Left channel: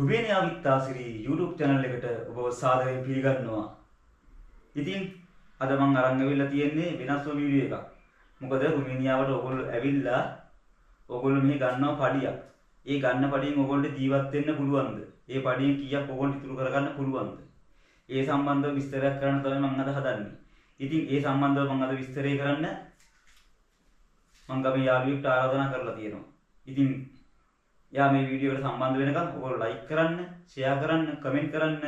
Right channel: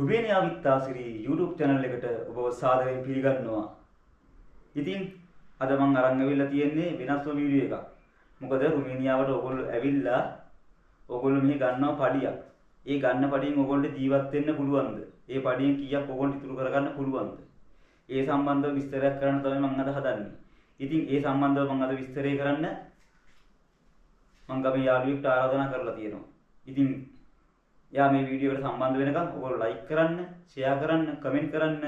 Romania විත්තාසිරි YouTube channel එකට ඔබව සාදරයෙන් පිළිගන්නවා. ඉතින් අද මම අරන් ඇවිල්ලා තියෙන්නේ වෙනස්ම වීඩියෝ එකක්. මොකද රුමේනියාවට ඔයගොල්ලෝ ඇවිල්ලා ඔයගොල්ලෝ මෙහි ගන්නවා පඩියක්. ඒ ගන්න පඩියෙන් ඔයගොල්ලෝ ජීවත් වෙන්න පුළුවන්ද? ඒ පඩියෙන් කීයක් ඔයගොල්ලෝ ඉතුරු කරගන්න පුළුවන්ද? ඒ සම්බන්ධව විස්තරයක් කරන්න තමයි මම අද හදන්නේ. ඉතින් ඒ සම්බන්ධව මම අද විස්තරය කරන්න මම ගමේ යාළුවෙක්ට ආරාධනා කරලා තියෙනවා. ඉතින් යා මේ වීඩියෝ එකට සම්බන්ධ වෙනකම් ඔයගොල්ලෝ ලයික් කරන්න, ෂෙයා කරන්න, කමෙන්ට් කරන්න,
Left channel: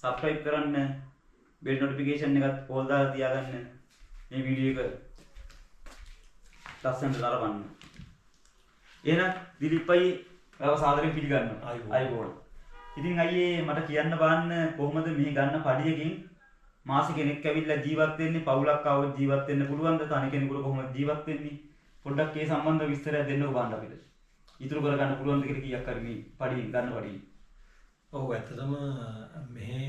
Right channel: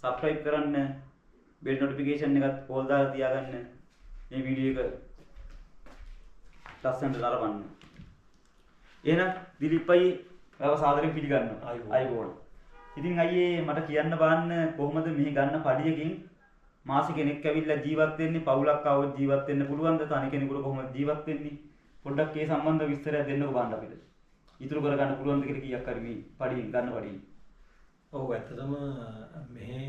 සබ්ස්ක්‍රයිබ් කරන්න, බෙල් නොටිෆිකේෂන් එකත් ඕල් දාලා තියාගන්න. මේ වීඩියෝ එක ලස්සනට නරඹන්න. එහෙනම් දිලිප් අයියේ සාදරයෙන් පිළිගන්නවා. අයබෝන්. ඉතින් අයියේ මට කියන්න බලන්න කොහොමද මෙහි ගන්න පඩියකින් මාසෙ කෙනෙක් ඇවිල්ලා ජීවත් වෙන්නේ, පවුලක් ආවොත් ජීවත් වෙන්න පුළුවන්ද? තනි කෙනෙකුට කොහොමද ජීවත් වෙන්නේ? පොඩ්ඩක් ඒ සම්බන්ධව විස්තරයක් දෙන්නකෝ බලන්න අපිට. ඉතුරු කරගන්න පුළුවන්ද කියලා කීයක් හරි මේ පඩියෙන් ගන්න පඩියෙන්. ඔව් ඇත්තටම මෙහි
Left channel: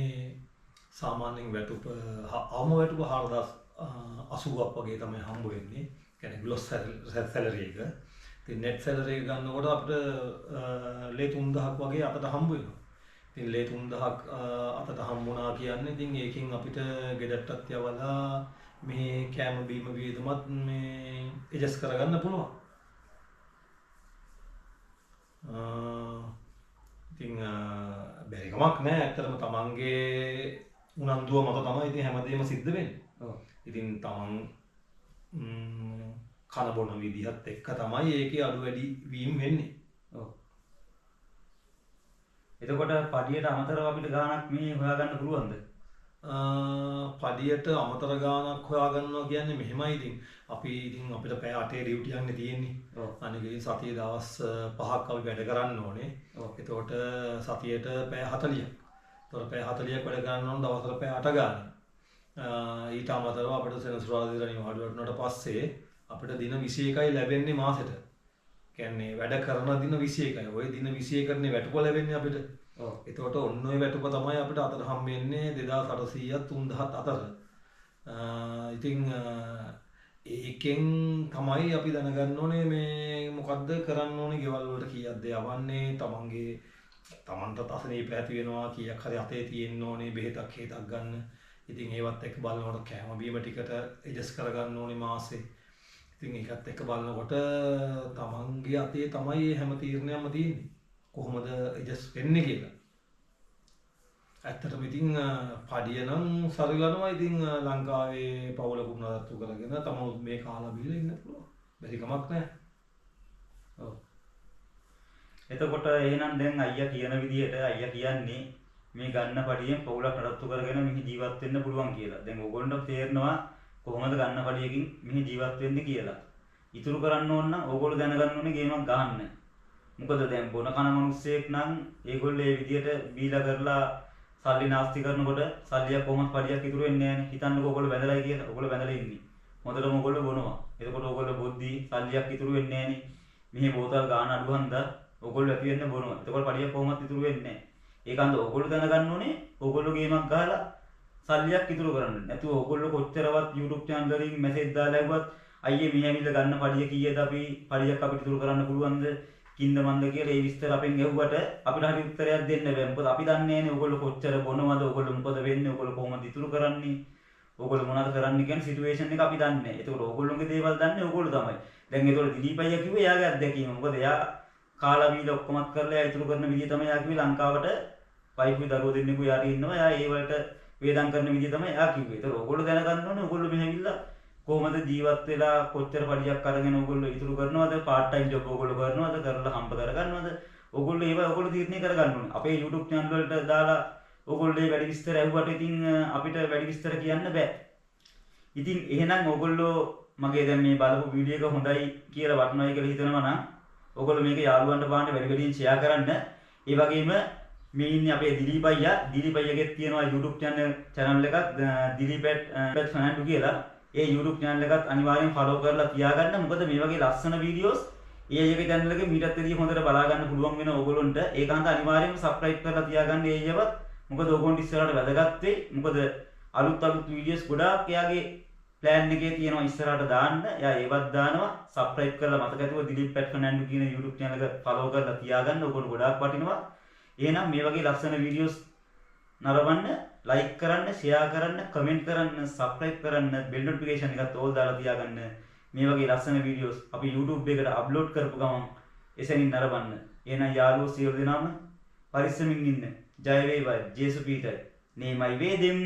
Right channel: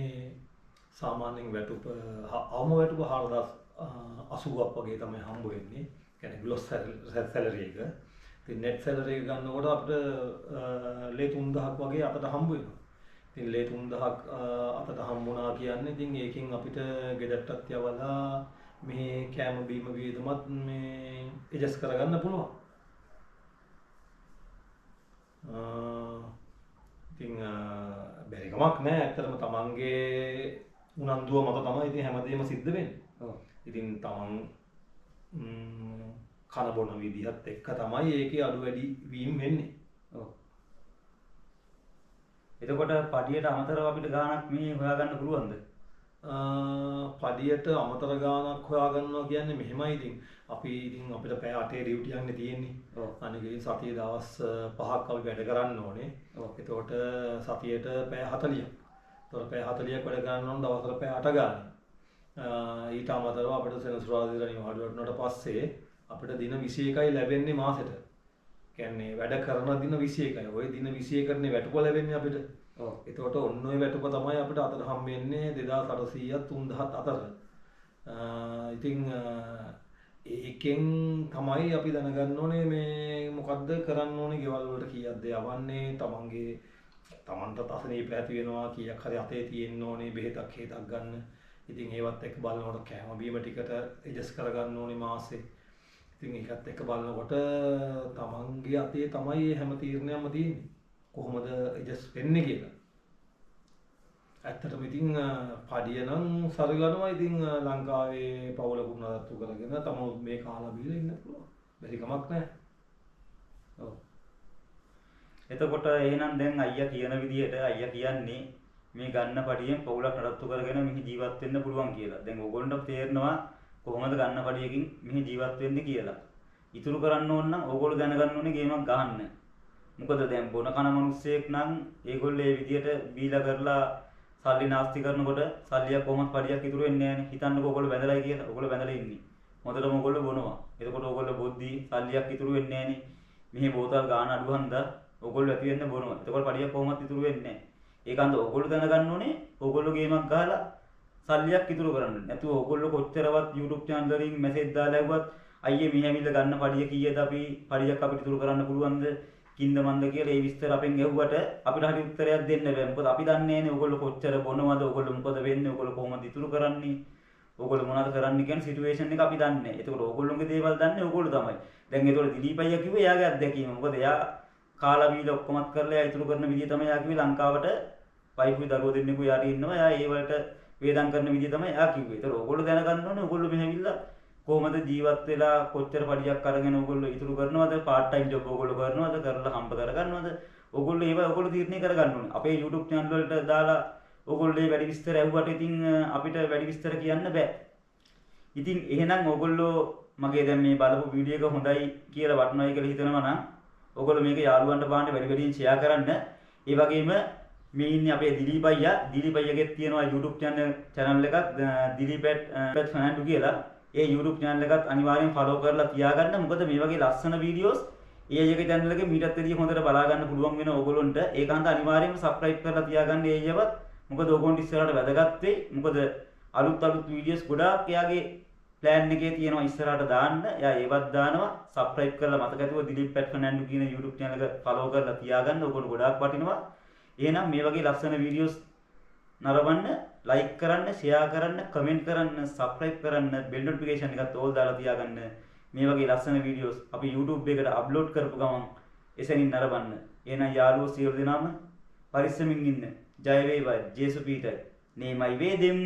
සාමාන්‍යයෙන් වැටුප අවම වැටුප 4080ක් වගේ තමයි හම්බ වෙන්නේ. කියන්නේ ග්ලොස් සැලරි එක. ඉතින් net salary එක ගන්නකොට අපිට ලේ 3000ක් වගේ අතට හම්බ වෙනවා. ඉතින් ලේ 3000ක් අතට හම්බුණා කියන්නේ ඉතින් ඒකෙන් අපිට ගෙදරටත් යවලා මේ කෑම බීම වියදමත් මේ ඇඩ්ජස්ට් කරගන්න පුළුවන්. ඉතින් බැරි කමක් නැහැ. ඇත්තටම තමන්ගේ උනන්දුව මත තමයි ඉතින් හැමදේම සිද්ධ වෙන්නේ. ඔව්. ඉතින් තමන් කන බොන විදිහත් එක්ක තමයි ඒකේ අඩු වැඩි වීම වෙන්නේ. ඔව්. එතකොට පඩියට අමතරව අපිට ගාණක් මේ හොයාගන්න පුළුවන්ද? පඩියට අමතර ගාණක් හොයාගන්නවා කියන්නේ මෙහෙමයි. ඉතින් අපි ඉතින් අපිට පැය 8 ඩියුටි යන්නේ තියෙන්නේ. ඔව්. අනික ඉතින් සතියේ දවස් 5ක් අපි වැඩ කරන්න ඕනේ. ඔව්. එතකොට සතියේට පැය 40ක්. එතකොට පැය 40ක් වැඩ කරන්න ඕන දවසට පැය 8 ගානේ. ඊට අමතරව අපිට සෙනසුරාදා දින නිවාඩු වුණාට පස්සේ අපිට දින 21යි ලැබෙන්නේ මාසෙට. කියන්නේ වැඩ කරන දින 21යි. ওই දින 21කනේ වැටුප ලැබෙන්නේ අපිට. ඔව්. එතකොට ඔන්න ඔය වැටුප තමයි අපිට අතට හම්බෙන්නේ 2800ත් 3000ත් අතර. ඉතින් ඒකෙන් තමයි අපි දැනගන්න ඕනේ මේ මොකද්ද කරන්න ඕනේ, ගෙවල් වලට කීයක්ද යවන්නේ, තමන්ට අසනීප ඇති වෙනවා, කීයක් හරි අතේ තියෙන්න ඕනේ, බෙහෙතක් හේතක් ගන්න. ඉතින් ඒවත් එක්ක බලනකොට කෑම බීම ටිකට ඇඩ්ජස්ට් කරගන්න ඕනේ මාසේ. ඉතින් ඒකත් එක්ක බලනකොට තමන්ගේ අතේ තමයි හැම තීරණයක්ම තියෙන්නේ. කොහොමද ඇඩ්ජස්ට් වෙන්නේ කියලා. ඇත්තටම ඉතින් පඩිය නම් සරිලනවා. ඉතින් ලංකාවේ පවුලකුත් නඩත්තු කරගෙන තමනුත් මේ කාලා බීලා ඉන්න පුළුවන්. බැරි කමක් නැහැ. ඔව්. එතකොට එහෙනම් දැන් අයියා කියන විදිහට අයියා කියන්නේ මේ ගන්න පඩියෙන් පවුලක් නඩත්තු කරගෙන මෙහි ජීවත් වෙන්න පුළුවන් කියලා. දැන් ඕගොල්ලන්ට තේරෙනවා කොහොමද ගන්න පඩියකින් මෙහි ජීවත් වෙන්නේ කියලා. ඉතුරු කරන්න ඕන නම් ඕගොල්ලෝ දැනගන්න ඕනේ ගේමක් ගහන්න. මොකද දැන් බොන කන මිනිස්සෙක් නම් ඒගොල්ලෝ මේ විදිහට බීලා කරලා සල්ලි නාස්ති කරනකොට සල්ලියක් කොහොමද පඩියක් ඉතුරු වෙන්නේ නැහැ නේ. හිතන්නකෝ ඕගොල්ලෝ බැඳලායි කියලා. ඕගොල්ලෝ බැඳලා ඉන්නේ. මොකටද ඕගොල්ලෝ බොනවා. එතකොට ඕගොල්ලෝ බොද්දි සල්ලියක් ඉතුරු වෙන්නේ නැහැ නේ. මෙහි බෝතල් ගාන අඩු හන්දා ඕගොල්ලෝ ඇති වෙන්න බොනවා. එතකොට පඩියක් කොහොමද ඉතුරු වෙන්නේ නැහැ. ඒකන්ද ඕගොල්ලෝ දැනගන්න ඕනේ ඕගොල්ලෝ ගේමක් ගහලා සල්ලියක් ඉතුරු කරන්න. නැතුව ඕගොල්ලෝ කොච්චරවත් YouTube channel වලින් මැසේජ් දාලා ඇහුවත් අයියේ මෙහි ඇවිල්ලා ගන්න පඩිය කීයද අපි පඩියක් අපිට ඉතුරු කරන්න පුළුවන්ද කින්ද මන්ද කියලා ඒ විස්තර අපෙන් ඇහුවට අපිට හරි උත්තරයක් දෙන්න බෑ. මොකද අපි දන්නේ නැහැනේ ඕගොල්ලෝ කොච්චර බොනවද, ඕගොල්ලෝ මොකද වෙන්නේ, ඕගොල්ලෝ කොහොමද ඉතුරු කරන්නේ, ඕගොල්ලෝ මොනවද කරන්නේ කියන සිටුේෂන් එක අපි දන්නේ නැහැ. ඒකෝර ඕගොල්ලෝගේ දේවල් දන්නේ ඕගොල්ලෝ තමයි. දැන් ඒතකොට දිලීප් අයියා කිව්වේ එයාගේ අත්දැකීම. මොකද එයා කාලා බීලා ඔක්කොමත් කරලා එයා ඉතුරු කරන විදිය තමයි එයා කිව්වේ. ලංකාවට වයිෆුයි දරුවෝ දෙන්නෙකු යාට ඉන්නවා. එයා ඒ වලට වේදම් කරන විදිය තමයි එයා කිව්වේ. ඒතකොට ඕගොල්ලෝ දැනගන්න ඕනේ ඕගොල්ලෝ මෙහෙවිල්ලා කොහොමද ජීවත් වෙලා කොච්චර පඩියක් අරගෙන ඕගොල්ලෝ ඉතුරු කරනවද, පාර්ට් ටයිම් ජොබ් ඕගොල්ලෝ කරනවද, කරලා හම්බ කරගන්නවද, ඕගොල්ලෝ ඒව ඕගොල්ලෝ තීරණය කරගන්න ඕනේ. අපේ YouTube channel වලට දාලා ඕගොල්ලෝ මේ වැඩි විස්තර ඇහුවට ඉතින් අපිට වැඩි විස්තර කියන්න බෑ. ඉතින් එහෙනම් ඕගොල්ලෝ මගේ දැන් මේ බලපු වීඩියෝ එක හොඳයි කියලා වටනවායි කියලා හිතනවා නම් ඕගොල්ලෝ මේක යාළුවන්ට බලන්න වැඩි වැඩියෙන් ෂෙයා කරන්න. ඒ වගේම මේ ඉන්නේ අපේ දිලීප් අයියාගේ තියෙනවා YouTube channel එකක් දිලීප් ෆර්නැන්ඩෝ කියලා. ඒ YouTube channel එකත් අනිවාර්යෙන් follow කරලා තියාගන්න. මොකද මේ වගේ ලස්සන වීඩියෝස් ඒ අයගේ channel එකේ මීටත් වැඩිය හොඳට බලා ගන්න පුළුවන් වෙන ඕගොල්ලන්ට. ඒකාන්ත අනිවාර්යෙන්ම subscribe කරලා තියාගන්න ඒ අයවත්. මොකද ඕගොල්ලන්ට ඉස්සරහට වැදගත් වෙයි. මොකද අලුත් වීඩියෝස් ගොඩාක් එයාගේ plan එකේ තියෙනවා ඉස්සරහට දාන්න. එයා ඒවත් දානවා. subscribe කරලා මතක ඇතුව දිලීප් ෆර්නැන්ඩෝ කියන YouTube channel එක follow කරලා තියාගන්න. ඕගොල්ලෝ ගොඩාක් වටිනවා. එහෙනම් මේ වගේ ලස්සන වීඩියෝස් නරඹන්න, ලයික් කරන්න, ෂෙයා කරන්න, කමෙන්ට් කරන්න, සබ්ස්ක්‍රයිබ් කරන්න, බෙල් නොටිෆිකේෂන් එකත් ඕල් දාලා තියාගන්න. මේ වගේ ලස්සන වීඩියෝස් අපි YouTube එකට අප්ලෝඩ් කරපු ගමන් එසැනින් නරඹන්න. එහෙනම් යාළුවෝ සියලු දෙනාම පරිස්සමින් ඉන්න. ජය වේවා ජේසු පීටර්. නේමයි වේදෙම්.